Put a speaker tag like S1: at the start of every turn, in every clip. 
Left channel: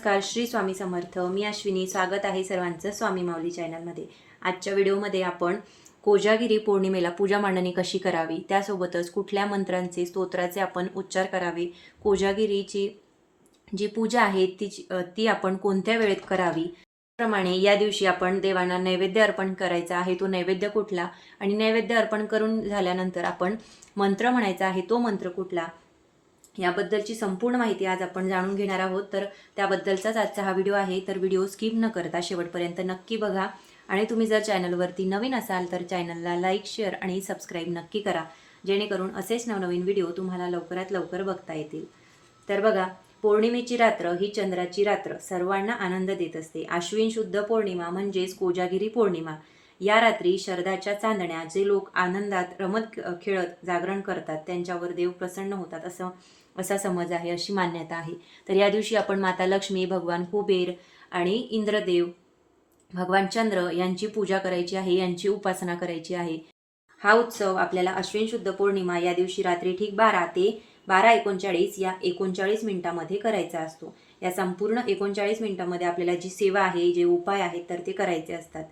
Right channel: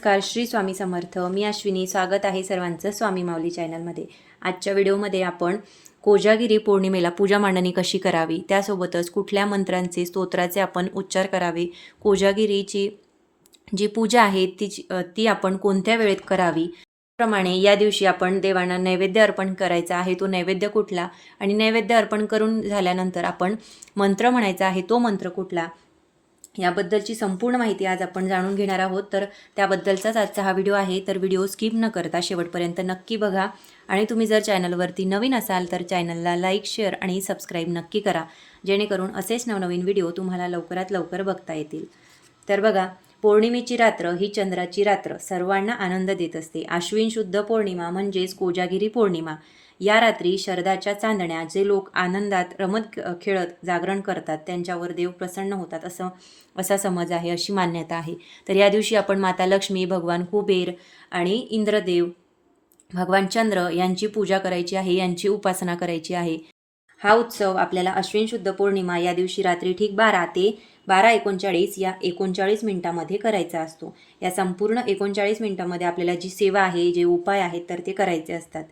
S1: नमस्कार श्री स्वामी समर्थ. मी अश्विनी. स्वागत आहे सर्वांचं स्वामी माऊली चॅनलमध्ये. आजच्या व्हिडिओमध्ये आपण कोजागिरी पौर्णिमेला पूजा मांडणी कशी करावी त्यासोबतच कुठल्या मंत्रांचे स्तोत्राचे आपण उच्चार करावे कोजागिरीची जी पूजा आहे तिची ती आपण कोणत्या वेळेत करावी प्रमाणे या दिवशी आपण देवांना नैवेद्य अर्पण करायचा आहे तो नैवेद्य कुठला आणि नैवेद्य अर्पण करून झाल्यानंतर आपण मंत्र म्हणायचा आहे तो मंत्र कुठला याबद्दलची संपूर्ण माहिती आज आपण जाणून घेणार आहोत. तर त्याबद्दलचाच आजचा हा व्हिडिओ आहे. तर व्हिडिओ स्किप न करता शेवटपर्यंत नक्की बघा. आणि तुम्ही जर चॅनलवरती नवीन असाल तर चॅनलला लाईक शेअर आणि सबस्क्राईब नक्की करा. जेणेकरून असेच नवनवीन व्हिडिओ तुम्हाला लवकरात लवकर बघता येतील. तर बघा पौर्णिमेची रात्र ही चंद्राची रात्र. सर्वांना आनंद देत असते. आश्विन शुद्ध पौर्णिमा म्हणजेच कोजागिरी पौर्णिमा. या रात्री शरदाच्या चांदण्या जे लोक आनंदात रमत खेळत जागरण करतात त्यांच्यावर देव प्रसन्न होतात असं असा समज आहे अशी मान्यता आहे. तर या दिवशी आपण माता लक्ष्मी भगवान कुबेर आणि इंद्रदेव भगवान चंद्र यांची पूजा करायची आहे यांची उपासना करायची आहे. हा उत्सव आपल्याला अश्विन शुद्ध पौर्णिमा या दिवशी रात्री ठीक बारा ते बारा एकोणचाळीस या एकोणचाळीस मिनिटामध्ये करायचा असतो. या संपूर्ण एकोणचाळीस मिनिटामध्ये आपल्याला जी सेवा आहे जे उपाय आहेत तर ते करायचे असतात.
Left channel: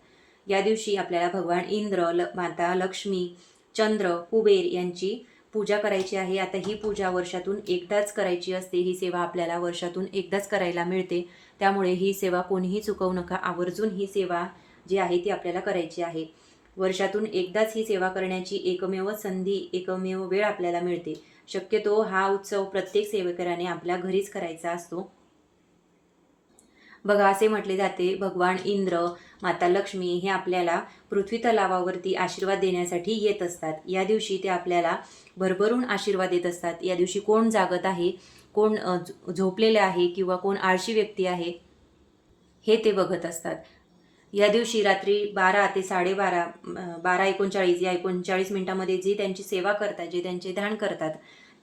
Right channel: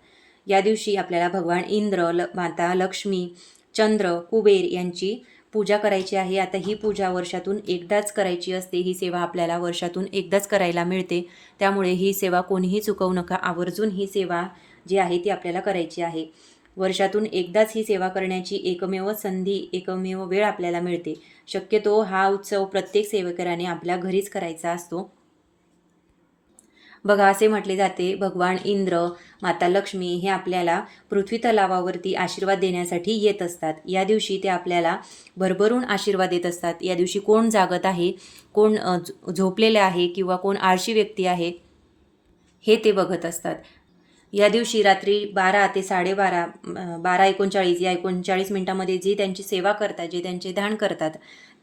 S1: या दिवशी आपल्याला भगवान इंद्र ल माता लक्ष्मी चंद्र कुबेर यांची पूजा करायची आहे. आता ही पूजा वर्षातून एकदाच करायची असते. ही सेवा आपल्याला वर्षातून एकदाच करायला मिळते. त्यामुळे ही सेवा कोणीही चुकवू नका. आवर्जून ही सेवा जी आहे ती आपल्याला करायची आहे. वर्षातून एकदाच ही सेवा करण्याची एकमेव संधी एकमेव वेळ आपल्याला मिळते. शक्यतो हा उत्सव प्रत्येक सेवेकराने आपल्या घरीच करायचा असतो. बघा असे म्हटले जाते भगवान इंद्र माता लक्ष्मी हे आपल्याला पृथ्वी तलावावरती आशीर्वाद देण्यासाठी येत असतात. या दिवशी ते आपल्याला भरभरून आशीर्वाद देत असतात. या दिवशी कोण जागत आहे कोण झो- झोपलेले आहे किंवा कोण आळशी व्यक्ती आहे हे ते बघत असतात. या दिवशी रात्री बारा ते साडेबारा बारा एकोणचाळीस या एकोणचाळीस मिनिटामध्ये जे त्यांची सेवा करतात जे त्यांचे ध्यान करतात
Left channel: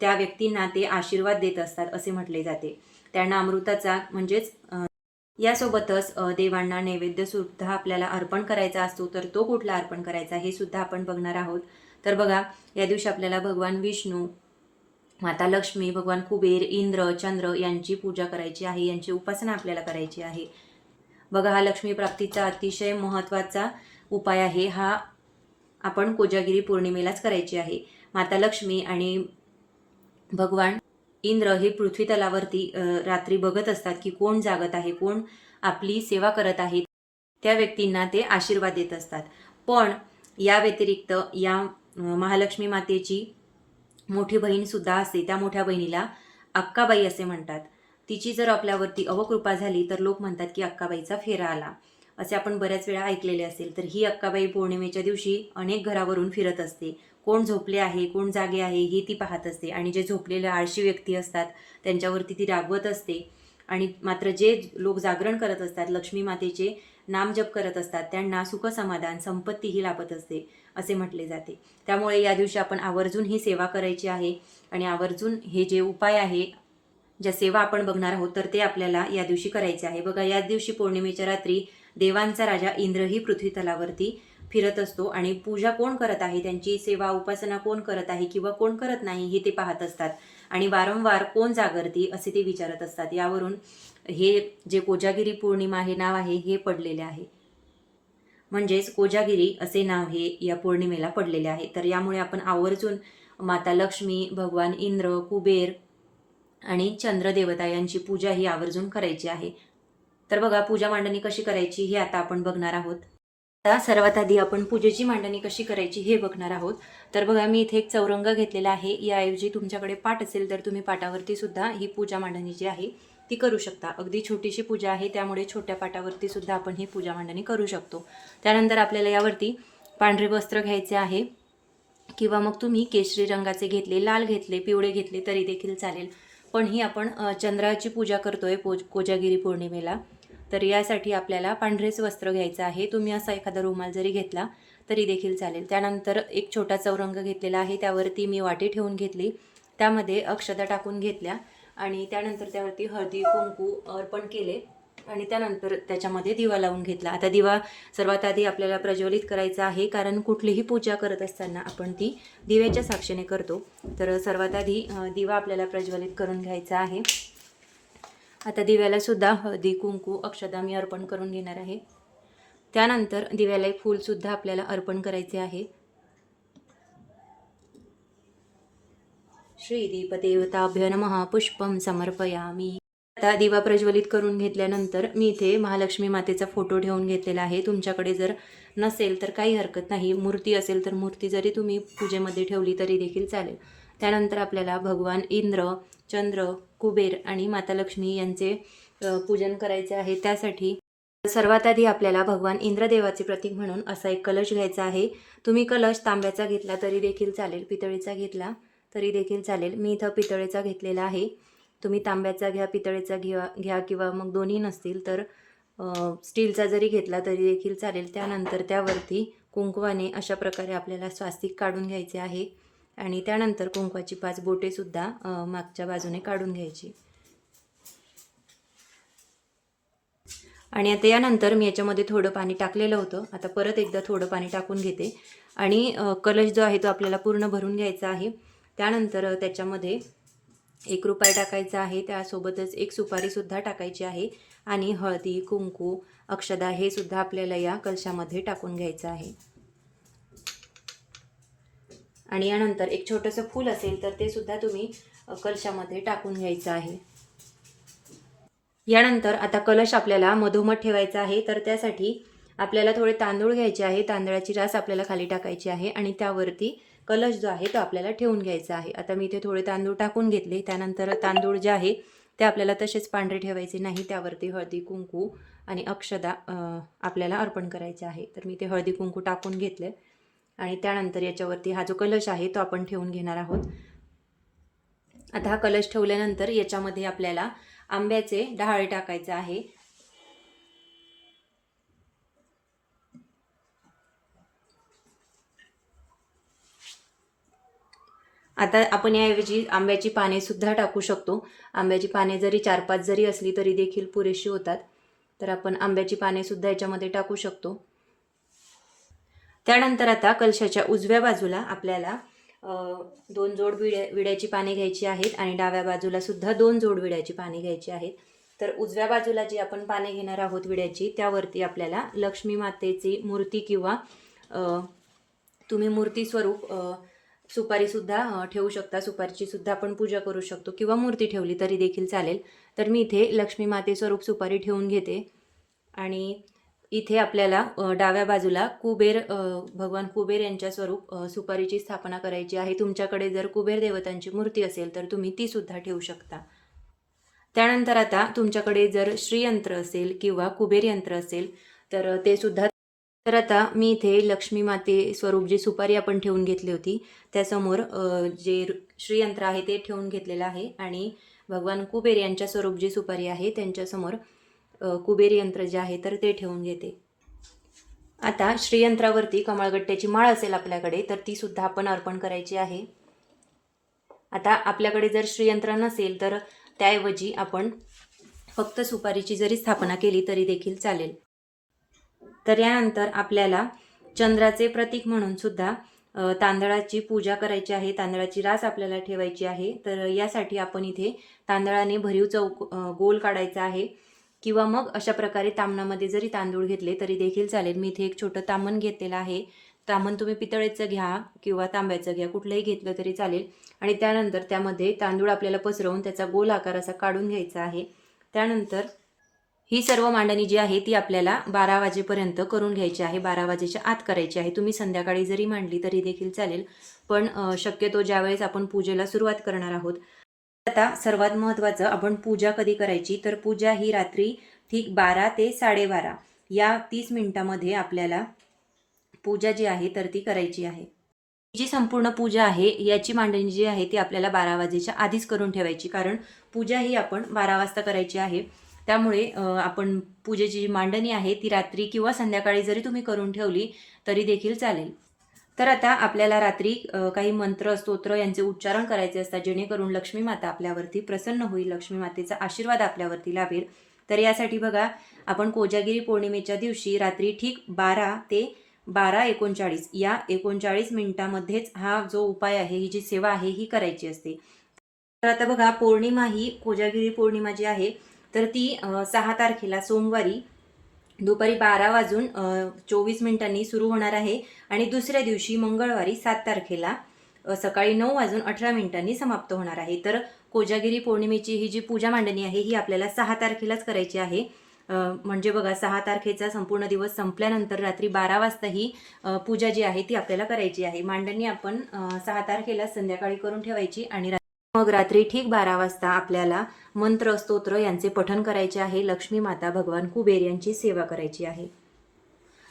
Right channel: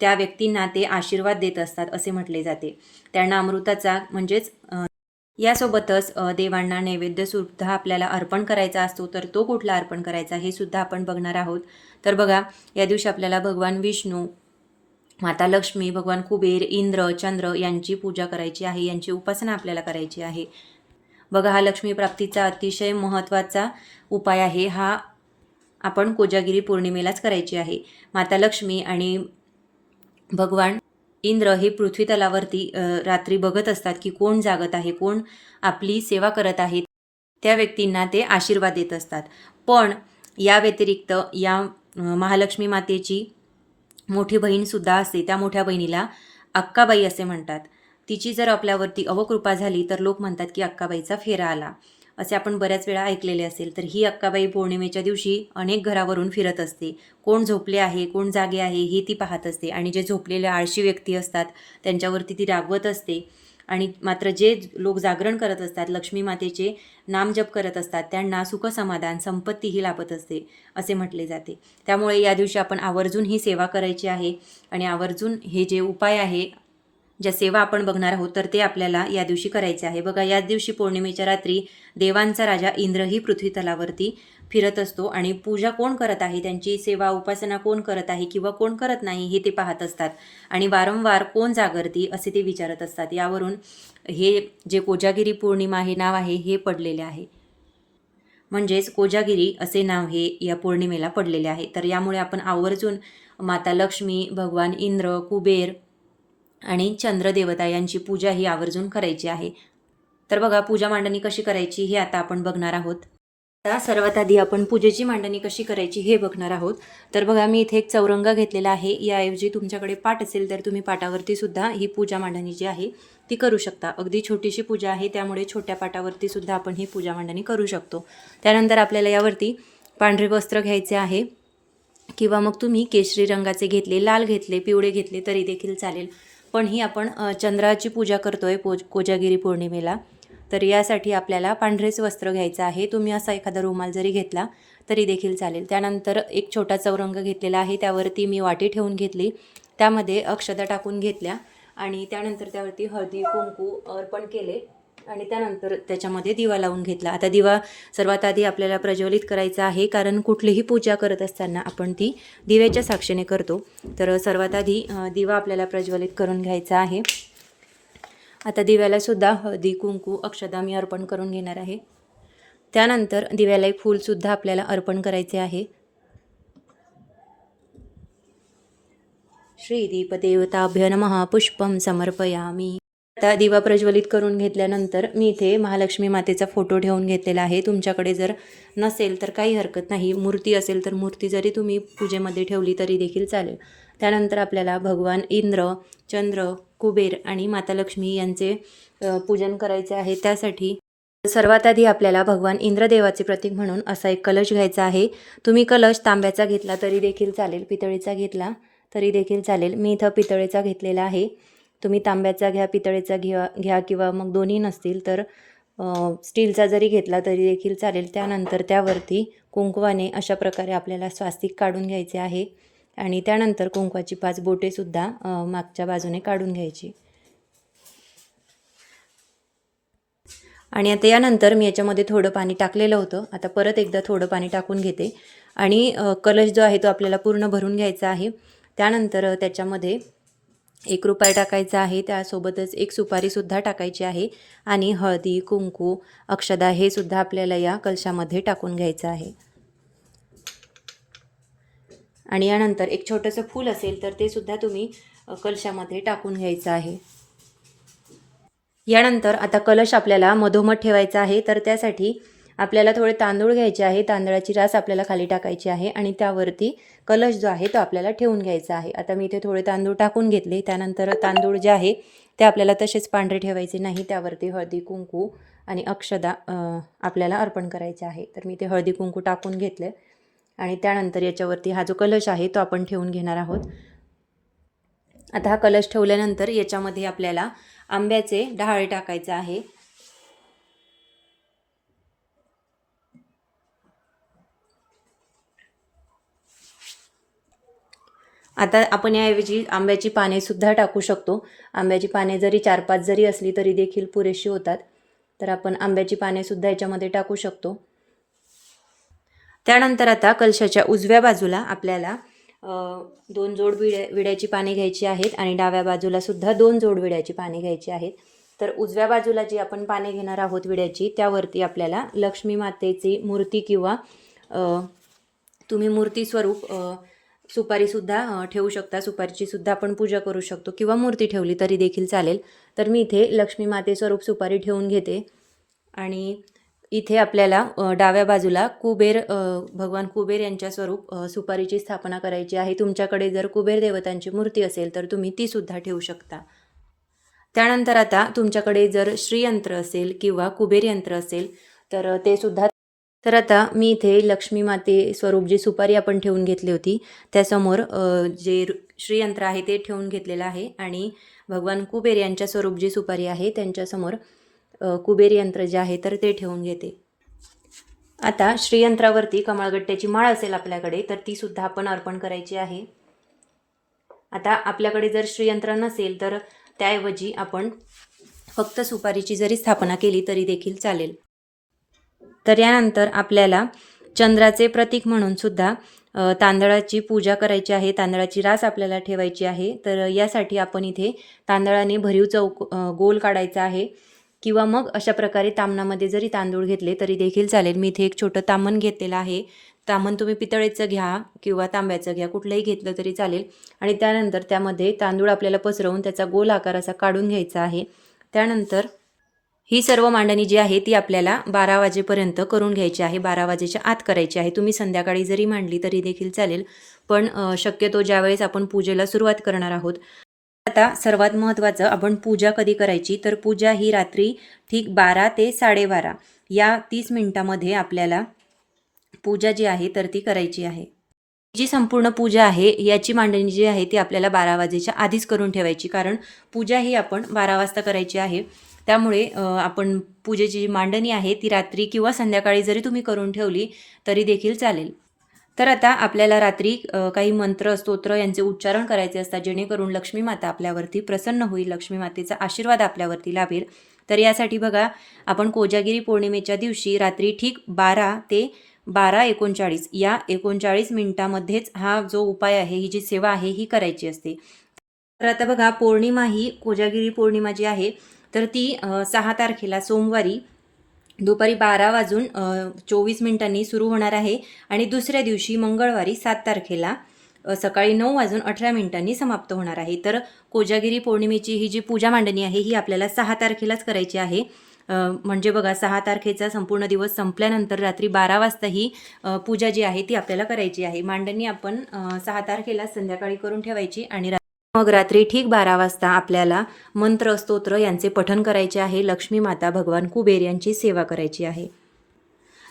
S1: त्या व्यक्तींना ते आशीर्वाद देत असतात असे म्हटले जाते. त्यांना अमृताचा म्हणजेच यासोबतच देवांना नैवेद्य सुद्धा आपल्याला अर्पण करायचा असतो तर तो कुठला अर्पण करायचा हे सुद्धा आपण बघणार आहोत. तर बघा या दिवशी आपल्याला भगवान विष्णू माता लक्ष्मी भगवान कुबेर इंद्र चंद्र यांची पूजा करायची आहे यांची उपासना आपल्याला करायची आहे. बघा हा लक्ष्मी प्राप्तीचा अतिशय महत्त्वाचा उपाय आहे हा आपण कोजागिरी पौर्णिमेलाच करायची आहे. माता लक्ष्मी आणि भगवान इंद्र हे पृथ्वी तलावरती रात्री बघत असतात की कोण जागत आहे कोण आपली सेवा करत आहे. त्या व्यक्तींना ते आशीर्वाद देत असतात. पण या व्यतिरिक्त या महालक्ष्मी मातेची मोठी बहीणसुद्धा असते. त्या मोठ्या बहिणीला अक्काबाई असे म्हणतात. तिची जर आपल्यावरती अवकृपा झाली तर लोक म्हणतात की अक्काबाईचा फेरा आला. असे आपण बऱ्याच वेळा ऐकलेले असेल तर ही अक्काबाई पौर्णिमेच्या दिवशी अनेक घरावरून फिरत असते. कोण झोपले आहे कोण जागे आहे हे ती पाहत असते. आणि जे झोपलेले आळशी व्यक्ती असतात त्यांच्यावरती ती रागवत असते. आणि मात्र जे लोक जागरण करत असतात लक्ष्मी मातेचे नामजप करत असतात त्यांना सुखसमाधान संपत्तीही लाभत असते असे म्हटले जाते. त्यामुळे या दिवशी आपण आवर्जून ही सेवा करायची आहे. आणि आवर्जून हे जे उपाय आहे ज्या सेवा आपण बघणार आहोत तर ते आपल्याला या दिवशी करायचे आहे. बघा याच दिवशी पौर्णिमेच्या रात्री देवांचा राजा इंद्रही पृथ्वी तलावरती फिरत असतो आणि पूजा कोण करत आहे? त्यांची सेवा उपासना कोण करत आहे किंवा कोण करत नाही हे ते पाहत असतात. आणि वारंवार कोण जागरती असे ते विचारत असतात. यावरून हे जे कोजागिरी पौर्णिमा हे नाव आहे हे पडलेले आहे. म्हणजेच कोजागिरी असे नाव हे या पौर्णिमेला पडलेले आहे. तर यामुळे आपण आवर्जून माता लक्ष्मी भगवान इंद्र कुबेर आणि चंद्रदेवता यांची पूजा ही आवर्जून करायची आहे. तर बघा पूजा मांडणी कशी करायची हे आता आपण बघणार आहोत. आता सर्वात आधी आपण पूजेची मांडणी कशी करायची हे बघणार आहोत. तर बघा मी इथे एक चौरंग घेतलेला आहे. याऐवजी तुमच्याकडे पाट असेल तर तुम्ही पाटावरती सुद्धा ही पूजा मांडणी जी आहे ती करू शकता. अगदी छोटीशी पूजा आहे त्यामुळे छोट्या पाटावरती सुद्धा आपण ही पूजा मांडणी करू शकतो. त्यानंतर आपल्याला यावरती पांढरे वस्त्र घ्यायचे आहे किंवा मग तुम्ही केशरी रंगाचे घेतले लाल घेतले पिवळे घेतले तरी देखील चालेल. पण ही आपण चंद्राची पूजा करतोय पो कोजागिरी पौर्णिमेला. तर यासाठी आपल्याला पांढरेच वस्त्र घ्यायचं आहे. तुम्ही असा एखादा रुमाल जरी घेतला तरी देखील चालेल. त्यानंतर एक छोटा चौरंग घेतलेला आहे. त्यावरती मी वाटी ठेवून घेतली. त्यामध्ये अक्षता टाकून घेतल्या आणि त्यानंतर त्यावरती हळदी कुंकू अर्पण केले आणि त्यानंतर त्याच्यामध्ये दिवा लावून घेतला. आता दिवा सर्वात आधी आपल्याला प्रज्वलित करायचा आहे कारण कुठलीही पूजा करत असताना आपण ती दिव्याच्या साक्षीने करतो. तर सर्वात आधी दिवा आपल्याला प्रज्वलित करून घ्यायचा आहे. आता दिव्याला सुद्धा हळदी कुंकू अक्षदा मी अर्पण करून घेणार आहे. त्यानंतर दिव्याला एक फूलसुद्धा आपल्याला अर्पण करायचे आहे. श्रीदीपदेवताभ्य नमः. पुष्पम समर्पयामी. आता दिवा प्रज्वलित करून घेतल्यानंतर मी इथे महालक्ष्मी मातेचा फोटो ठेवून घेतलेला आहे. तुमच्याकडे जर नसेल तर काही हरकत नाही. मूर्ती असेल तर मूर्ती जरी तुम्ही पूजेमध्ये ठेवली तरी देखील चालेल. त्यानंतर आपल्याला भगवान इंद्र चंद्र कुबेर आणि माता लक्ष्मी यांचे पूजन करायचे आहे. त्यासाठी सर्वात आधी आपल्याला भगवान इंद्रदेवाचे प्रतीक म्हणून असा एक कलश घ्यायचा आहे. तुम्ही कलश तांब्याचा घेतला तरी देखील चालेल पितळेचा घेतला तरी देखील चालेल. मी इथं पितळेचा घेतलेला आहे. तुम्ही तांब्याचा घ्या पितळेचा घ्या घ्या किंवा मग दोन्ही नसतील तर स्टीलचा जरी घेतला तरी देखील चालेल. त्यानंतर त्यावरती कुंकवाने अशा प्रकारे आपल्याला स्वास्तिक काढून घ्यायचे आहे. आणि त्यानंतर कुंकवाची पाच बोटेसुद्धा मागच्या बाजूने काढून घ्यायची. आणि आता यानंतर मी याच्यामध्ये थोडं पाणी टाकलेलं होतं. आता परत एकदा थोडं पाणी टाकून घेते. आणि कलश जो आहे तो आपल्याला पूर्ण भरून घ्यायचा आहे. त्यानंतर त्याच्यामध्ये एक रुपये टाकायचा आहे. त्यासोबतच एक सुपारीसुद्धा टाकायची आहे. आणि हळदी कुंकू अक्षदा हे सुद्धा आपल्याला या कलशामध्ये टाकून घ्यायचं आहे. आणि यानंतर एक छोटंसं फूल असेल तर ते सुद्धा तुम्ही कलशामध्ये टाकून घ्यायचं आहे. यानंतर आता कलश आपल्याला मधोमध ठेवायचा आहे तर त्यासाठी आपल्याला थोडे तांदूळ घ्यायचे आहे. तांदळाची रास आपल्याला खाली टाकायची आहे आणि त्यावरती कलश जो आहे तो आपल्याला ठेवून घ्यायचा आहे. आता मी इथे थोडे तांदूळ टाकून घेतले. त्यानंतर तांदूळ जे आहे ते आपल्याला तसेच पांढरे ठेवायचे नाही. त्यावरती हळदी कुंकू आणि अक्षदा आपल्याला अर्पण करायचे आहे. तर मी ते हळदी कुंकू टाकून घेतले. आणि त्यानंतर याच्यावरती हा जो कलश आहे तो आपण ठेवून घेणार आहोत. आता हा कलश ठेवल्यानंतर याच्यामध्ये आपल्याला आंब्याचे डहाळे टाकायचे आहे. आता आपण याऐवजी आंब्याची पाने सुद्धा टाकू शकतो. आंब्याची पाने जरी चार पाच जरी असली तरी देखील पुरेशी होतात. तर आपण आंब्याची पाने सुद्धा याच्यामध्ये टाकू शकतो. त्यानंतर आता कलशाच्या उजव्या बाजूला आपल्याला दोन जोड विड्या विड्याची पाने घ्यायची आहेत आणि डाव्या बाजूला सुद्धा दोन जोड विड्याची पाने घ्यायची आहेत. तर उजव्या बाजूला जी आपण पाने घेणार आहोत विड्याची त्यावरती आपल्याला लक्ष्मी मातेची मूर्ती किंवा तुम्ही मूर्ती स्वरूप सुपारीसुद्धा ठेवू शकता. सुपारीची सुद्धा आपण पूजा करू शकतो किंवा मूर्ती ठेवली तरी देखील चालेल. तर मी इथे लक्ष्मी माते स्वरूप सुपारी ठेवून घेते. आणि इथे आपल्याला डाव्या बाजूला कुबेर भगवान कुबेर यांच्या स्वरूप सुपारीची स्थापना करायची आहे. तुमच्याकडे जर कुबेर देवतांची मूर्ती असेल तर तुम्ही ती सुद्धा ठेवू शकता. त्यानंतर आता तुमच्याकडे जर श्रीयंत्र असेल किंवा कुबेर यंत्र असेल तर ते सुद्धा तर आता मी इथे लक्ष्मी माते स्वरूप जी सुपारी आपण ठेवून घेतली होती त्यासमोर जे श्रीयंत्र आहे ते ठेवून घेतलेलं आहे. आणि भगवान कुबेर यांच्या स्वरूप जी सुपारी आहे त्यांच्यासमोर कुबेर यंत्र जे आहे तर ते ठेवून घेते. आता श्रीयंत्रावरती कमळगट्ट्याची माळ असेल आपल्याकडे तर ती सुद्धा आपण अर्पण करायची आहे. आता आपल्याकडे जर श्रीयंत्र नसेल तर त्याऐवजी आपण फक्त सुपारीची जरी स्थापना केली तरी देखील चालेल. तर यानंतर आपल्याला चंद्राचे प्रतीक म्हणून सुद्धा तांदळाची पूजा करायची आहे. तांदळाची रास आपल्याला ठेवायची आहे. तर यासाठी आपण इथे तांदळाने भरीव चौक गोल काढायचा आहे. किंवा मग अशा प्रकारे तामणामध्ये जरी तांदूळ घेतले तरी देखील चालेल. मी इथे एक छोटं तामण घेतलेलं आहे. तामण तुम्ही पितळेचं घ्या किंवा तांब्याचं घ्या कुठलंही घेतलं तरी चालेल. आणि त्यानंतर त्यामध्ये तांदूळ आपल्याला पसरवून त्याचा गोल आकार असा काढून घ्यायचा आहे. त्यानंतर ही सर्व मांडणी जी आहे ती आपल्याला बारा वाजेपर्यंत करून घ्यायची आहे. बारा वाजेच्या आत करायची आहे. तुम्ही संध्याकाळी जरी मांडली तरी देखील चालेल. पण शक्यतो ज्यावेळेस आपण पूजेला सुरुवात करणार आहोत आता सर्वात महत्त्वाचं आपण पूजा कधी करायची? तर पूजा ही रात्री ठीक बारा ते साडेबारा या तीस मिनिटामध्ये आपल्याला पूजा जी आहे तर ती करायची आहे. जी संपूर्ण पूजा आहे याची मांडणी जी आहे ती आपल्याला बारा वाजेच्या आधीच करून ठेवायची. कारण पूजा ही आपण बारा वाजता करायची आहे. त्यामुळे आपण पूजेची जी मांडणी आहे ती रात्री किंवा संध्याकाळी जरी तुम्ही करून ठेवली तरी देखील चालेल. तर आता आपल्याला रात्री काही मंत्र स्तोत्र यांचे उच्चारण करायचे असतात. जेणेकरून लक्ष्मी माता आपल्यावरती प्रसन्न होईल लक्ष्मी मातेचा आशीर्वाद आपल्यावरती लाभेल. तर यासाठी बघा आपण कोजागिरी पौर्णिमेच्या दिवशी रात्री ठीक बारा ते बारा एकोणचाळीस या एकोणचाळीस मिनिटामध्येच हा जो उपाय आहे ही जी सेवा आहे ही करायची असते. तर आता बघा पौर्णिमा ही कोजागिरी पौर्णिमा जी आहे तर ती सहा तारखेला सोमवारी दुपारी बारा वाजून चोवीस मिनिटांनी सुरू होणार आहे आणि दुसऱ्या दिवशी मंगळवारी सात तारखेला सकाळी नऊ वाजून अठरा मिनिटांनी समाप्त होणार आहे. तर कोजागिरी पौर्णिमेची ही जी पूजा मांडणी आहे ही आपल्याला सहा तारखेलाच करायची आहे. म्हणजे बघा सहा तारखेचा संपूर्ण दिवस संपल्यानंतर रात्री बारा वाजता ही पूजा जी आहे ती आपल्याला करायची आहे. मांडणी आपण सहा तारखेला संध्याकाळी करून ठेवायची आणि मग रात्री ठीक बारा वाजता आपल्याला मंत्र स्तोत्र यांचे पठन करायचे आहे. लक्ष्मी माता भगवान कुबेर यांची सेवा करायची आहे.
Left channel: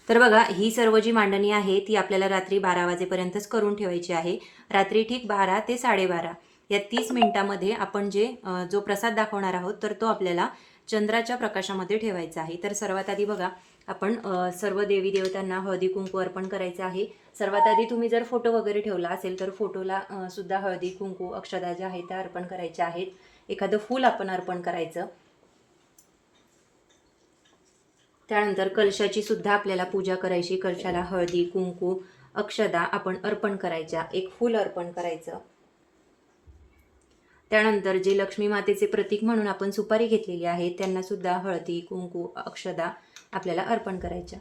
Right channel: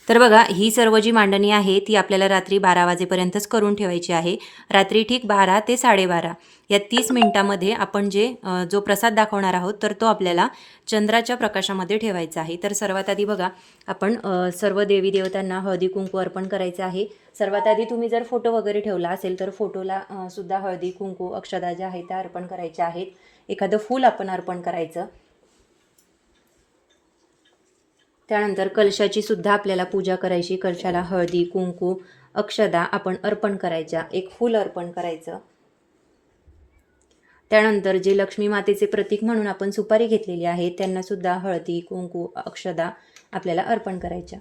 S1: तर बघा ही सर्व जी मांडणी आहे ती आपल्याला रात्री बारा वाजेपर्यंतच करून ठेवायची आहे. रात्री ठीक बारा ते साडेबारा. या तीस मिनिटामध्ये आपण जे जो प्रसाद दाखवणार आहोत तर तो आपल्याला चंद्राच्या प्रकाशामध्ये ठेवायचा आहे. तर सर्वात आधी बघा आपण सर्व देवी देवतांना हळदी कुंकू अर्पण करायचं आहे. सर्वात आधी तुम्ही जर फोटो वगैरे ठेवला असेल तर फोटोला सुद्धा हळदी कुंकू अक्षदा ज्या आहेत त्या अर्पण करायच्या आहेत. एखादं फूल आपण अर्पण करायचं. त्यानंतर कलशाची सुद्धा आपल्याला पूजा करायची. कलशाला हळदी कुंकू अक्षदा आपण अर्पण करायच्या. एक फूल अर्पण करायचं. त्यानंतर जे लक्ष्मी मातेचे प्रतीक म्हणून आपण सुपारी घेतलेली आहे त्यांनासुद्धा हळदी कुंकू अक्षदा आपल्याला अर्पण करायच्या.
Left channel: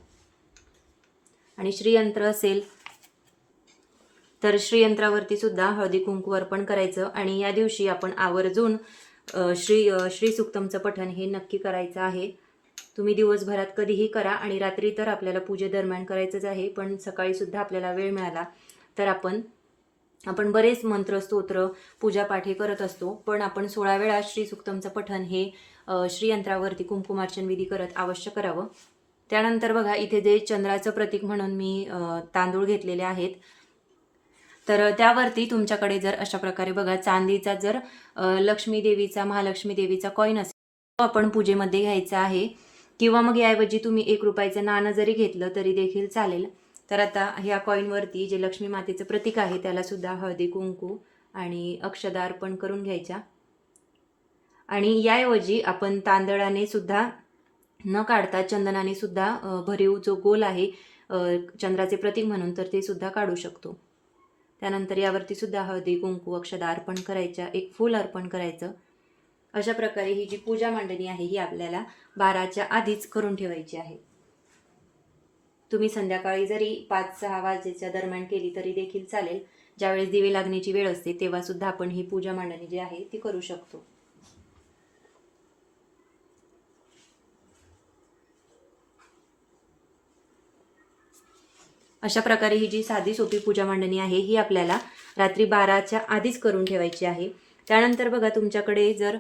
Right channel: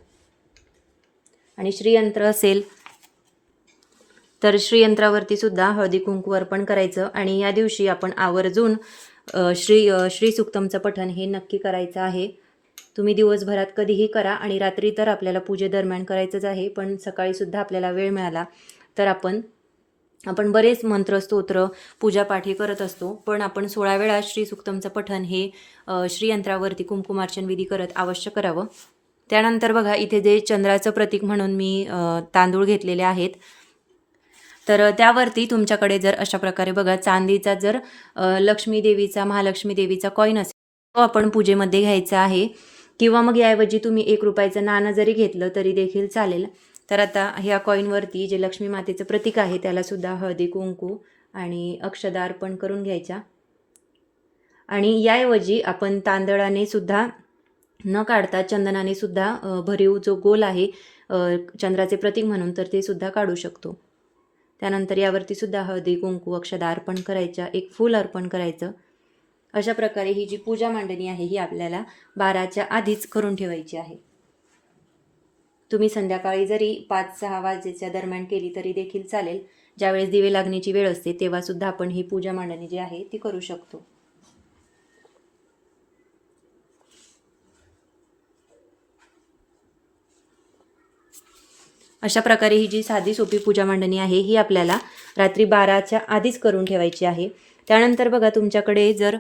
S1: आणि श्रीयंत्र असेल तर श्रीयंत्रावरती सुद्धा हळदी कुंकू अर्पण करायचं. आणि या दिवशी आपण आवर्जून श्री श्री सुक्तमचं पठण हे नक्की करायचं आहे. तुम्ही दिवसभरात कधीही करा आणि रात्री तर आपल्याला पूजेदरम्यान करायचंच आहे पण सकाळीसुद्धा आपल्याला वेळ मिळाला तर आपण आपण बरेच मंत्र स्तोत्र पूजापाठ करत असतो पण आपण सोळा वेळा श्री सुक्तमचं पठण हे श्रीयंत्रावरती कुंकुमार्चन विधी करत अवश्य करावं. त्यानंतर बघा इथे जे चंद्राचं प्रतीक म्हणून मी तांदूळ घेतलेले आहेत तर त्यावरती तुमच्याकडे जर अशा प्रकारे बघा चांदीचा जर लक्ष्मी देवीचा महालक्ष्मी देवीचा कॉईन असेल तो आपण पूजेमध्ये घ्यायचा आहे. किंवा मग याऐवजी तुम्ही एक रुपयाचं नाणं जरी घेतलं तरी देखील चालेल. तर आता ह्या कॉईनवरती जे लक्ष्मी मातेचं प्रतीक आहे त्यालासुद्धा हळदी कुंकू आणि अक्षदा अर्पण करून घ्यायच्या. आणि याऐवजी आपण तांदळाने सुद्धा न काढता चंदनाने सुद्धा भरीव जो गोल आहे चंद्राचे प्रतीक म्हणून तर ते सुद्धा काढू शकतो. त्यानंतर यावरती सुद्धा हळदी कुंकू अक्षदा अर्पण करायच्या एक फूल अर्पण करायचं. अशा प्रकारे ही जी पूजा मांडणी आहे ही आपल्याला बाराच्या आधीच करून ठेवायची आहे. तुम्ही संध्याकाळी जरी पाच सहा वाजेच्या दरम्यान केली तरी देखील चालेल. ज्यावेळेस दिवे लागण्याची वेळ असते तेव्हा सुद्धा आपण ही पूजा मांडणी जी आहे ती करू शकतो. अशा प्रकारे ही जी साधी सोपी पूजा मांडणी आहे ही आपल्याला रात्री बाराच्या आधीच करून ठेवायची आहे. त्यानंतर बघा तुमच्याकडे जर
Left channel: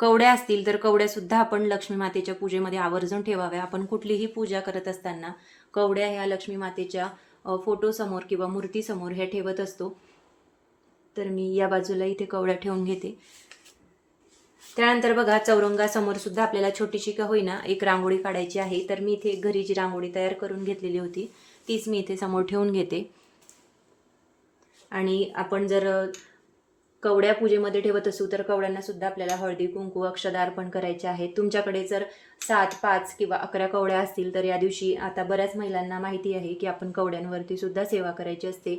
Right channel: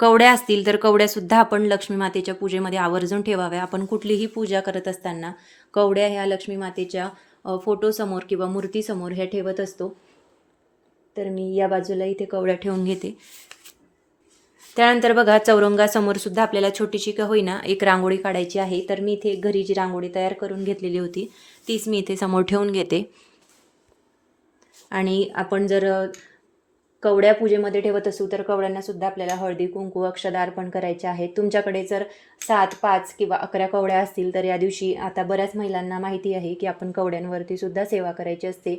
S1: कवड्या असतील तर कवड्यासुद्धा आपण लक्ष्मी मातेच्या पूजेमध्ये आवर्जून ठेवाव्या. आपण कुठलीही पूजा करत असताना कवड्या ह्या लक्ष्मी मातेच्या फोटोसमोर किंवा मूर्तीसमोर ह्या ठेवत असतो. तर मी या बाजूला इथे कवड्या ठेवून घेते. त्यानंतर बघा चौरंगासमोर सुद्धा आपल्याला छोटीशी का होईना एक रांगोळी काढायची आहे. तर मी इथे घरी जी रांगोळी तयार करून घेतलेली होती तीच मी इथे समोर ठेवून घेते. आणि आपण जर कवड्या पूजेमध्ये ठेवत असू तर कवड्यांना सुद्धा आपल्याला हळदी कुंकू अक्षदा अर्पण करायचे आहेत. तुमच्याकडे जर सात पाच किंवा अकरा कवड्या असतील तर या दिवशी आता बऱ्याच महिलांना माहिती आहे की आपण कवड्यांवरती सुद्धा सेवा करायची असते.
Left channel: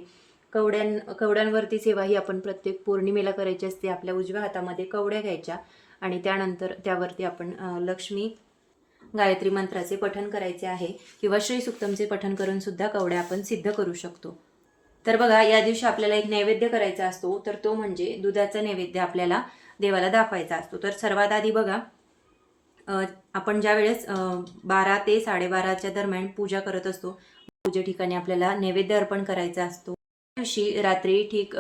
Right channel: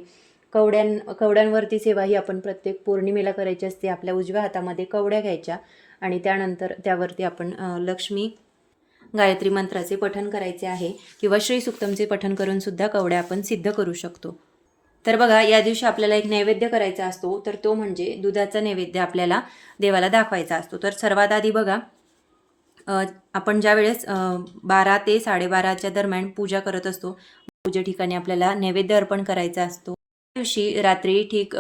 S1: कवड्यां कवड्यांवरती सेवा ही आपण प्रत्येक पौर्णिमेला करायची असते. आपल्या उजव्या हातामध्ये कवड्या घ्यायच्या आणि त्यानंतर त्यावरती आपण लक्ष्मी गायत्री मंत्राचे पठण करायचे आहे किंवा श्री सुक्तमचे पठण करून सुद्धा कवड्या आपण सिद्ध करू शकतो. तर बघा या दिवशी आपल्याला एक नैवेद्य करायचा असतो. तर तो म्हणजे दुधाचा नैवेद्य आपल्याला देवाला दाखवायचा असतो. तर सर्वात आधी बघा आपण ज्या वेळेस बारा ते साडेबाराच्या दरम्यान पूजा करत असतो पूजे ठिकाणी आपल्याला नैवेद्य अर्पण करायचा असतो. त्या दिवशी रात्री ठीक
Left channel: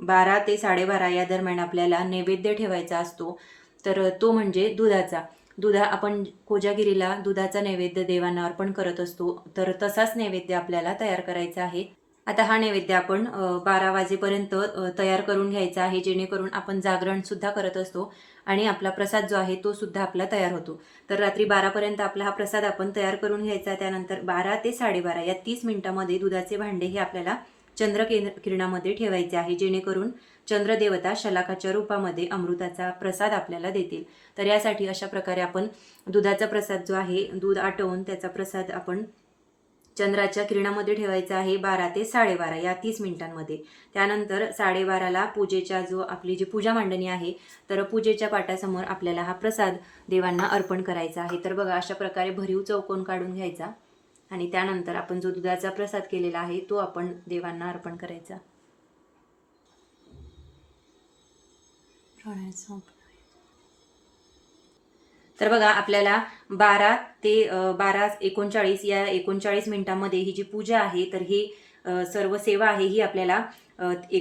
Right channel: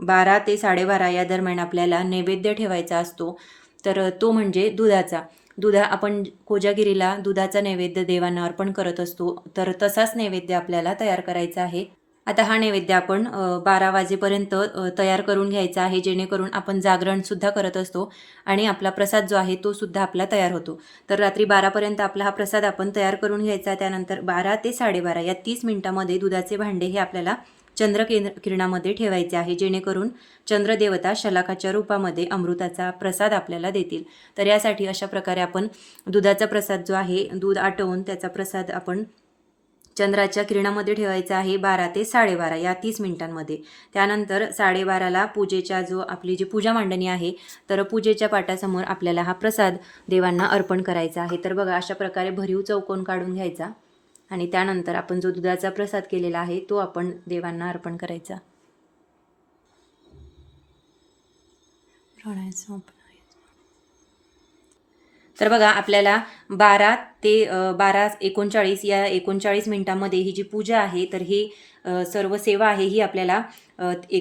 S1: बारा ते साडेबारा या दरम्यान आपल्याला नैवेद्य ठेवायचा असतो. तर तो म्हणजे दुधाचा. दुधा आपण कोजागिरीला दुधाचा नैवेद्य देवांना अर्पण करत असतो. तर तसाच नैवेद्य आपल्याला तयार करायचा आहे. आता हा नैवेद्य आपण बारा वाजेपर्यंत तयार करून घ्यायचा आहे जेणेकरून आपण जागरणसुद्धा करत असतो आणि आपला प्रसाद जो आहे तो सुद्धा आपला तयार होतो. तर रात्री बारापर्यंत आपला हा प्रसाद आपण तयार करून घ्यायचा त्यानंतर बारा ते साडेबारा या तीस मिनिटामध्ये दुधाचे भांडे हे आपल्याला चंद्र केंद्र किरणामध्ये ठेवायचे आहे जेणेकरून चंद्रदेवता शलाकाच्या रूपामध्ये अमृताचा प्रसाद आपल्याला देतील. तर यासाठी अशा प्रकारे आपण दुधाचा प्रसाद जो आहे दूध आटवून त्याचा प्रसाद आपण चंद्राच्या किरणामध्ये ठेवायचा आहे बारा ते साडेबारा या तीस मिनिटांमध्ये. त्यानंतर साडेबाराला पूजेच्या जो आपली जी पूजा मांडणी आहे तर पूजेच्या पाटासमोर आपल्याला हा प्रसाद देवांना अर्पण करायचा आहे. तर बघा अशा प्रकारे भरीव चौकोन काढून घ्यायचा आणि त्यानंतर आपण जो दुधाचा प्रसाद केलेला आहे तो आपण देवांना अर्पण करायचा. तर बघा आपल्याला बारा ते बारा एकोणचाळीस या एकोणचाळीस मिनिटांमध्ये ही जी पूजा आहे तर ही सर्व सेवा आहे ही आपल्याला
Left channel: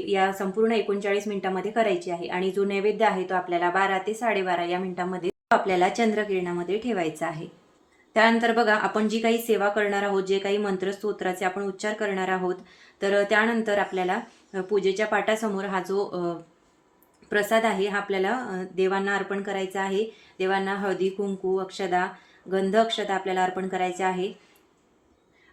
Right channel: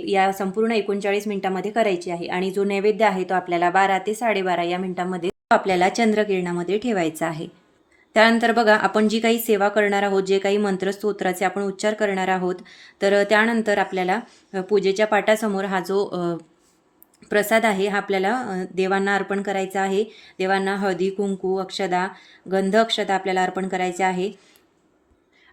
S1: या संपूर्ण एकोणचाळीस मिनिटांमध्ये करायची आहे. आणि जो नैवेद्य आहे तो आपल्याला बारा ते साडेबारा या मिनिटांमध्ये तो आपल्याला चंद्रकिरणामध्ये ठेवायचा आहे. त्यानंतर बघा आपण जी काही सेवा करणार आहोत जे काही मंत्रस्तोत्राचे आपण उच्चार करणार आहोत तर त्यानंतर आपल्याला पूजेच्या पाटासमोर हा जो प्रसाद आहे. हा आपल्याला देवांना अर्पण करायचा आहे. देवांना हळदी कुंकू अक्षदा गंध अक्षदा आपल्याला अर्पण करायचे आहे.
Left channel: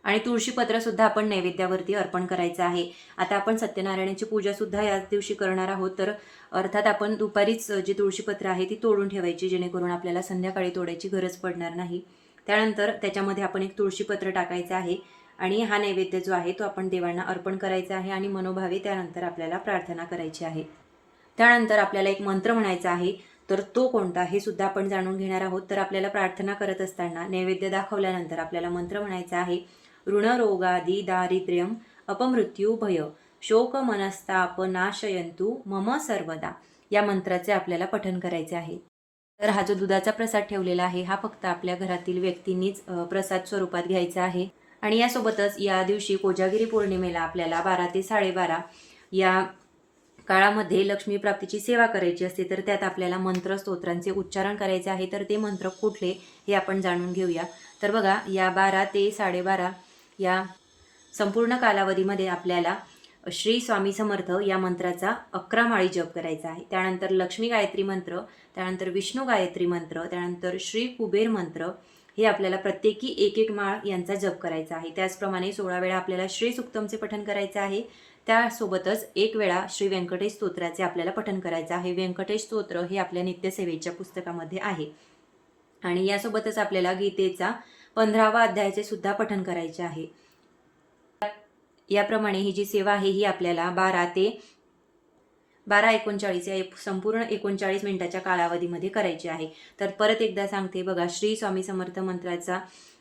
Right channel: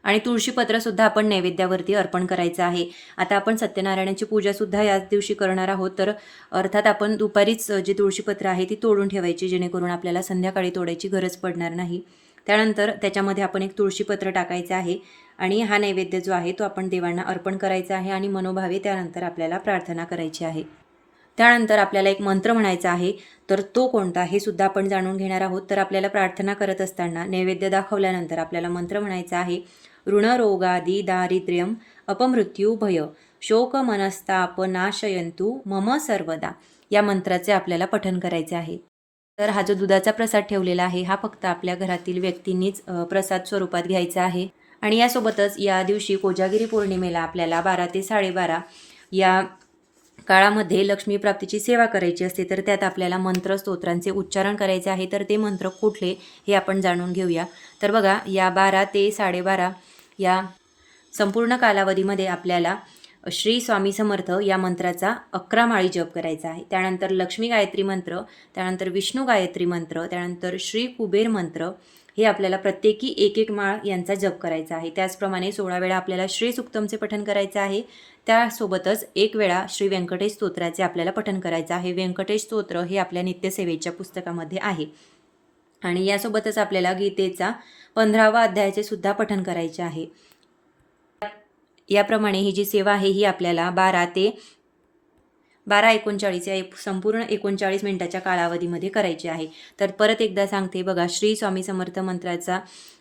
S1: आणि तुळशीपत्रसुद्धा आपण नैवेद्यावरती अर्पण करायचं आहे. आता आपण सत्यनारायणाची पूजासुद्धा याच दिवशी करणार आहोत. तर अर्थात आपण दुपारीच जी तुळशीपत्र आहे ती तोडून ठेवायची जेणेकरून आपल्याला संध्याकाळी तोडायची गरज पडणार नाही. त्यानंतर त्याच्यामध्ये आपण एक तुळशीपत्र टाकायचं आहे. आणि हा नैवेद्य जो आहे तो आपण देवांना अर्पण करायचा आहे आणि मनोभावे त्यानंतर आपल्याला प्रार्थना करायची आहे. त्यानंतर आपल्याला एक मंत्र म्हणायचा आहे तर तो कोणता हे सुद्धा आपण जाणून घेणार आहोत. तर आपल्याला प्रार्थना करत असताना नैवेद्य दाखवल्यानंतर आपल्याला मंत्र म्हणायचा आहे ऋणरोगादी दारिद्र्यम अपमृत्यू भय शोक मनस्ताप नाशयंतु मम सर्वदा या मंत्राचे आपल्याला पठन करायचे आहे. तर हा जो दुधाचा प्रसाद ठेवलेला आहे हा फक्त आपल्या घरातील व्यक्तींनीच प्रसाद स्वरूपात घ्यायचा आहे. आणि यासोबतच या दिवशी कोजागिरी पौर्णिमेला आपल्याला बारा ते साडेबारा या काळामध्ये लक्ष्मी प्राप्तीची सेवा करायची असते तर त्यात आपल्याला मंत्र स्तोत्रांचे उच्चारण करायचे आहे तर ते मंत्र कुठले हे आपण जाणून घेऊया. तर बघा या बारा ते साडेबारा या संपूर्ण कालावधीमध्ये आपल्याला श्री स्वामी समर्थ या मंत्राचा अकरा माळी जप करायचा आहे. त्यानंतर लक्ष्मी गायत्री मंत्र त्यानंतर विष्णू गायत्री मंत्र त्यानंतर श्री कुबेर मंत्र हे आपल्याला प्रत्येकी एक एक माळ यांचा जप करायचा आहे. त्याचप्रमाणे सोळा वेळा आपल्याला श्री सुक्तमचे पठण करायचं आहे. त्यासोबतच एक वेळा श्री व्यंकटेश स्तोत्राचे आपल्याला पठन करायचं आहे. व्यंकटेश स्तोत्र हे आपल्या नित्यसेवेच्या पुस्तकामध्ये आहे. आणि यासोबतच आपल्याला गीतेचा पंधरावा अध्यायाचे सुद्धा पठन करायचे आहे. याप्रमाणे ही जी सेवा आहे ही आपल्याला बारा ते बारा एकोणचाळीस या संपूर्ण एकोणचाळीस मिनिटाच्या कालावधीमध्ये करायची आहे. तर परत एकदा सांगते बघा श्री स्वामी समर्थ मंत्राचा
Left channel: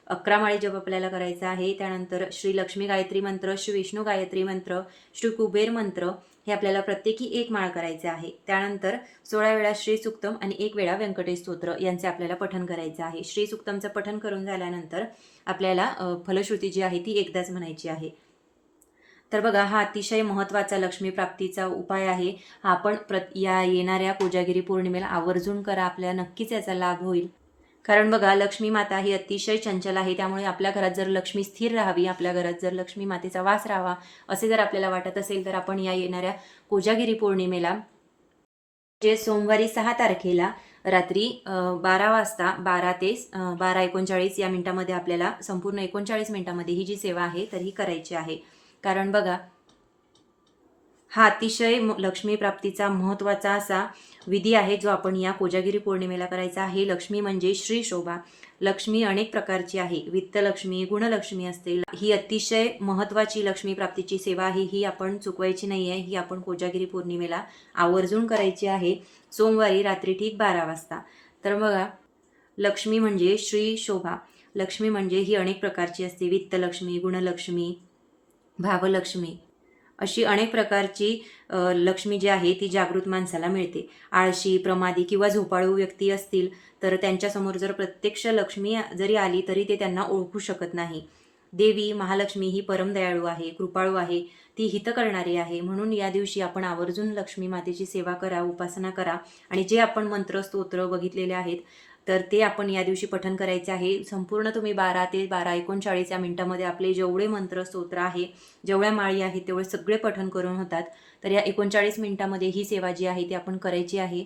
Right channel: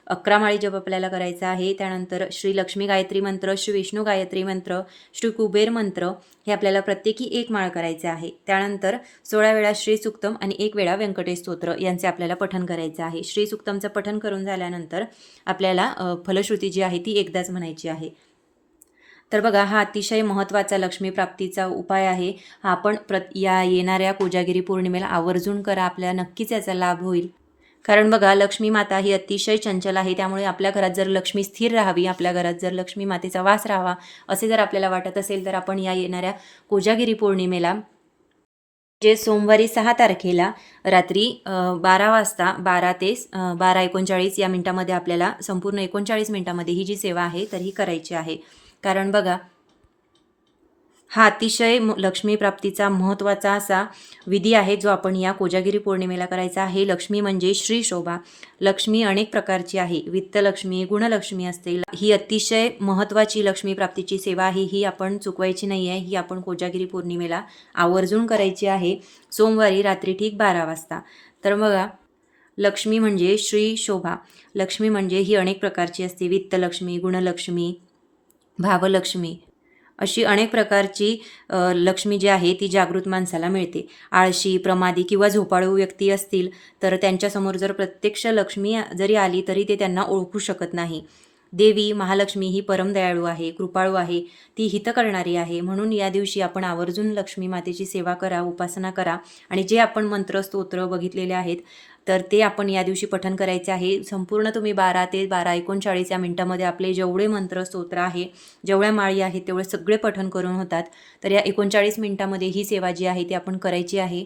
S1: अकरा माळी जप आपल्याला करायचा आहे. त्यानंतर श्री लक्ष्मी गायत्री मंत्र श्री विष्णू गायत्री मंत्र श्री कुबेर मंत्र हे आपल्याला प्रत्येकी एक माळ करायचे आहे. त्यानंतर सोळा वेळा श्री सुक्तम आणि एक वेळा व्यंकटेश स्तोत्र यांचे आपल्याला पठण करायचं आहे. श्री सुक्तमचं पठण करून झाल्यानंतर आपल्याला फलश्रुती जी आहे ती एकदाच म्हणायची आहे. तर बघा हा अतिशय महत्त्वाचा लक्ष्मी प्राप्तीचा उपाय आहे. हा आपण प्र या येणाऱ्या कोजागिरी पौर्णिमेला आवर्जून करा. आपल्याला नक्कीच याचा लाभ होईल. कारण बघा लक्ष्मी माता ही अतिशय चंचल आहे. त्यामुळे आपल्या घरात जर लक्ष्मी स्थिर राहावी आपल्या घरात जर लक्ष्मी मातेचा वास राहावा असे जर आपल्याला वाटत असेल तर आपण या येणाऱ्या कोजागिरी पौर्णिमेला जे सोमवारी सहा तारखेला रात्री बारा वाजता बारा ते बारा एकोणचाळीस या मिनटामध्ये आपल्याला संपूर्ण एकोणचाळीस मिनटामध्ये ही जी सेवा आहे तर ही करायची आहे. कारण बघा हा अतिशय म- लक्ष्मी प्राप्तीचा महत्त्वाचा असा विधी आहे जो आपण या कोजागिरी पौर्णिमेला करायचा आहे. लक्ष्मी म्हणजे श्री शोभा. लक्ष्मी अनेक प्रकारची आहे. वित्तलक्ष्मी गुणलक्ष्मी असते ही अतिशय महत्त्वाची लक्ष्मी प्राप्तीची सेवा आहे. ही आपण चुकवायची नाही आहे. ही आपण कोजागिरी पौर्णिमेला आवर्जून करायची आहे. सोमवारी रात्री ठीक बारा वाजता. तर बघा लक्ष्मी म्हणजे श्री शोभा. लक्ष्मी म्हणजे ही अनेक प्रकारची असते. वित्तलक्ष्मी गुणलक्ष्मी भावलक्ष्मी अशी अनेक प्रकारची लक्ष्मी जी आहे ती जागृत माणसाला मिळते. आळशी प्रमादी किंवा झोपाळू व्यक्ती असतील तर त्यांच्यासमोर जर प्रत्यक्ष लक्ष्मी जरी आली तरी ते त्यांना ओळखू शकत नाही. देवी महालक्ष्मी ही परमदयाळू आहे कृपाळू आहे ती हित करणारी आहे. म्हणून या दिवशी आपण आवर्जून लक्ष्मी मातेची सेवा करा उपासना करा. आणि जे आपण मंत्र स्तोत्र बघितलेले आहेत तर ते आपण या दिवशी पठन करायचे आहे. संपूर्ण तुम्ही बारा ते बारा एकोणचाळीस या मिनटामध्ये आपले जेवढे मंत्र स्तोत्र आहे जेवढ्या माळी आहेत तेवढे सगळे पठन करून होतात. तर या एकोणचाळीस मिनटामध्ये ही सेवा जी आहे ती आपण करायची आहे.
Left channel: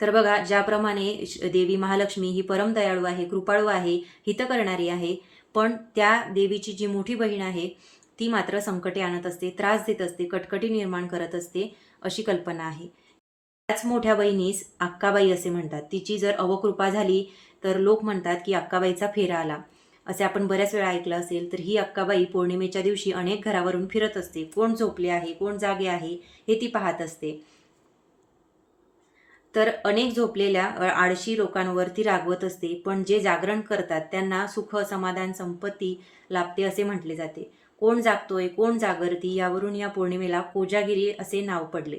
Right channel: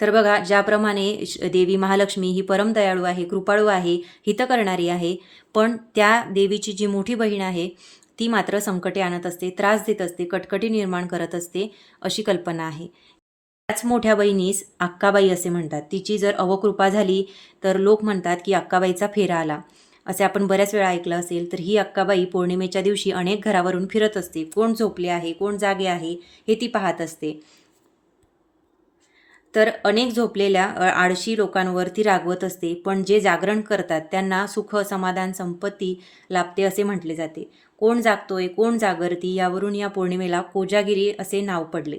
S1: तर बघा ज्याप्रमाणे श- देवी महालक्ष्मी ही परम दयाळू आहे कृपाळू आहे हित करणारी आहे पण त्या देवीची जी मोठी बहीण आहे ती मात्र संकटे आणत असते त्रास देत असते कटकटी निर्माण करत असते अशी कल्पना आहे. त्याच मोठ्या बहिणीस अक्काबाई असे म्हणतात. तिची जर अवकृपा झाली तर लोक म्हणतात की अक्काबाईचा फेरा आला. असे आपण बऱ्याच वेळा ऐकलं असेल तर ही अक्काबाई पौर्णिमेच्या दिवशी अनेक घरावरून फिरत असते. कोण झोपले आहे कोण जागे आहे हे ती पाहत असते. तर अनेक झोपलेल्या आळशी लोकांवर ती रागवत असते. पण जे जागरण करतात त्यांना सुख समाधान संपत्ती लाभते असे म्हटले जाते. कोण जागतोय कोण जागरती यावरून या पौर्णिमेला कोजागिरी असे नाव पडले.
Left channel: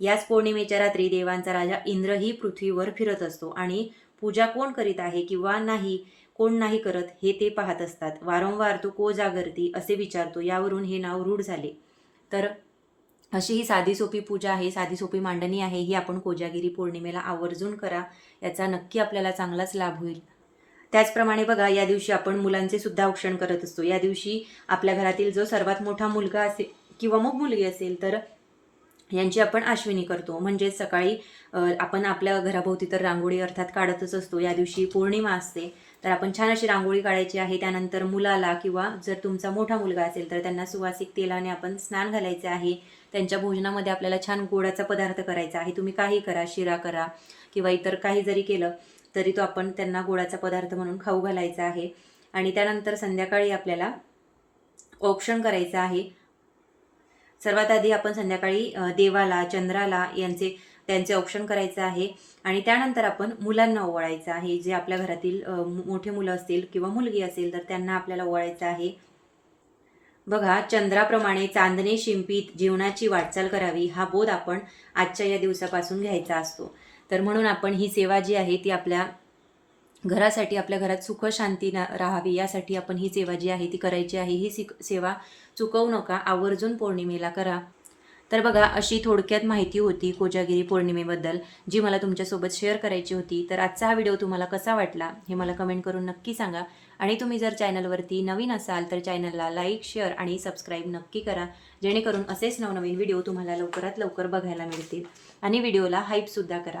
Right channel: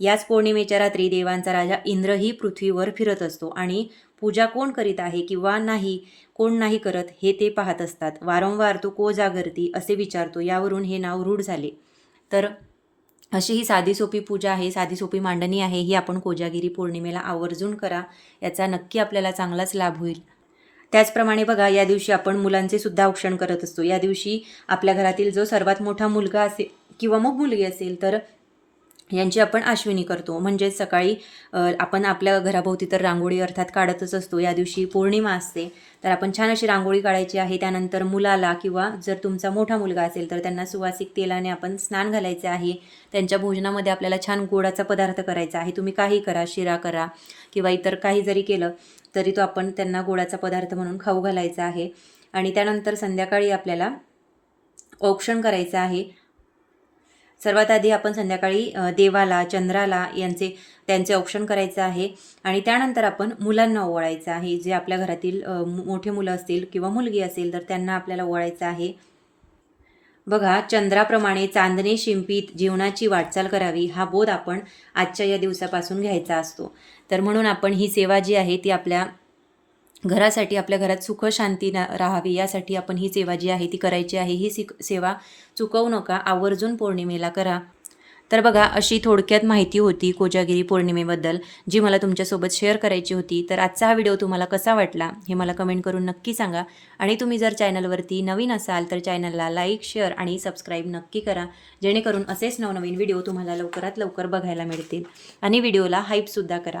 S1: याच पौर्णिमेच्या रात्री देवांचा राजा इंद्रही पृथ्वीवर फिरत असतो आणि पूजा कोण करीत आहे किंवा नाही कोण नाही करत हे ते पाहत असतात. वारंवार तो को जागरती असे विचारतो यावरून हे नाव रूढ झाले. तर अशी ही साधी सोपी पूजा आहे साधी सोपी मांडणी आहे ही आपण कोजागिरी पौर्णिमेला आवर्जून करा याचा नक्की आपल्याला चांगलाच लाभ होईल. त्याचप्रमाणे बघा या दिवशी आपण मुलांचे सुद्धा औक्षण करत असतो. या दिवशी आपल्या घरातील जो सर्वात मोठा मुलगा असेल किंवा मग मुलगी असेल तर यांची आपण आश्विनी करतो. म्हणजेच सकाळी आपण आपल्या घराभोवती तर रांगोळी अर्थात काढतच असतो. या दिवशी पौर्णिमा असते. तर आपण छान अशी रांगोळी काढायची आहे. त्यानंतर मुलाला किंवा जर तुमचा मोठा मुलगा असेल तर त्यांना सुवासिक तेलाने आपण स्नान घालायचे आहे. त्यांच्या भोजनामध्ये आपल्याला छान गोडाचा पदार्थ करायचा आहे. तुम्ही काही करा शिरा करा किंवा इतर काही जरी केलं तरी तो आपण त्यांना गोडाचा पदार्थ म्हणून खाऊ घालायचा आहे. आणि त्यानंतर संध्याकाळी आपल्याला औक्षण करायचं आहे. सर्वात आधी आपण संध्याकाळी देवाला चंद्राला यांचे त्यांचे औक्षण करायचं आहे. आणि त्यानंतर आपण मुलांना ओवाळायचं आहे. जे आपल्या घरातील मोठे मुलं असतील किंवा मुलगी असेल तर त्यांना आपल्याला ओवाळायचं आहे. बघा चंद्राप्रमाणे चांदणे शिंपीत जीवनाची वाटचाल करावी हा बोध आपण आजच्या या दिवसापासून घ्यायचा असतो. तर म्हणून आपण ही सेवा जी आहे ती आपल्या घरासाठी आपल्या घरात सुख शांती ना राहावी यासाठी आपण ही सेवा जी आहे ती करायची आहे. ही सिक सेवा चुकवू नका आवर्जून पौर्णिमेला करा. तर बघा अशी थोडक्यात माहिती होती कोजागिरी पौर्णिमेबद्दल जी मला तुमच्यासोबत शेअर करायची होती. तर आजचा हा व्हिडिओ तुम्हाला कसा वाटला हे मला कमेंट करून नक्की सांगा. आणि तुम्ही जर चॅनलवरती नवीन असाल तर चॅनलला लाईक शेअर आणि सबस्क्राईब नक्की करा. जेणेकरून असेच नवनवीन व्हिडिओ तुम्हाला लवकरात लवकर बघायला मिळतील. आणि व्हिडिओला हाईपसुद्धा करा.